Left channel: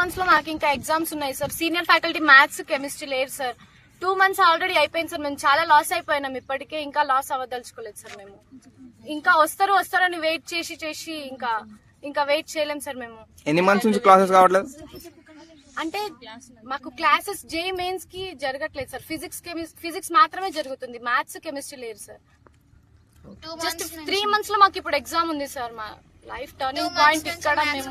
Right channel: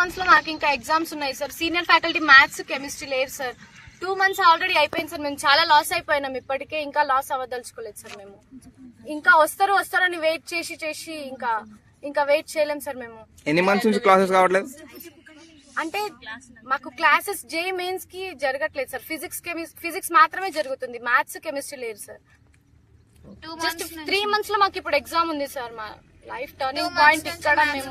మంత్స్లో మాకు ఇంకా ఎగ్జామ్స్ ఉన్నాయి sir. Senior faculty maths chemistry లేరు సార్. టూ మంత్స్ ఆల్రెడీ అయిపోయింది సార్. మేము చాలా లాస్ అయిపోయినాం ఇప్పటికే. ఇంకా లాస్ అవ్వదలుచుకోలేదు సార్ మేము. ఇంకా వస్తారు వస్తారని వెయిట్ చేసి చేసి ఇంకా ఇంకా వెయిట్ చేయలేం సార్ మేము. ఎన్ని మంత్స్ నుంచి క్లాసెస్ కావట్లేదు? అంటే మాకు క్లాసెస్ జే మెయిన్స్కి జరగట్లేదు సార్. ఫిజిక్స్ ఫిజిక్స్ మాత్రమే జరుగుతుంది. మ్యాథ్స్ కెమిస్ట్రీ లేదు సార్. జస్ట్ త్రీ మంత్స్లో మాకు ఇప్పుడు ఎగ్జామ్ ఉంది సార్ మా లైఫ్ టర్నింగ్ పాయింట్ ఇక్కడ మేము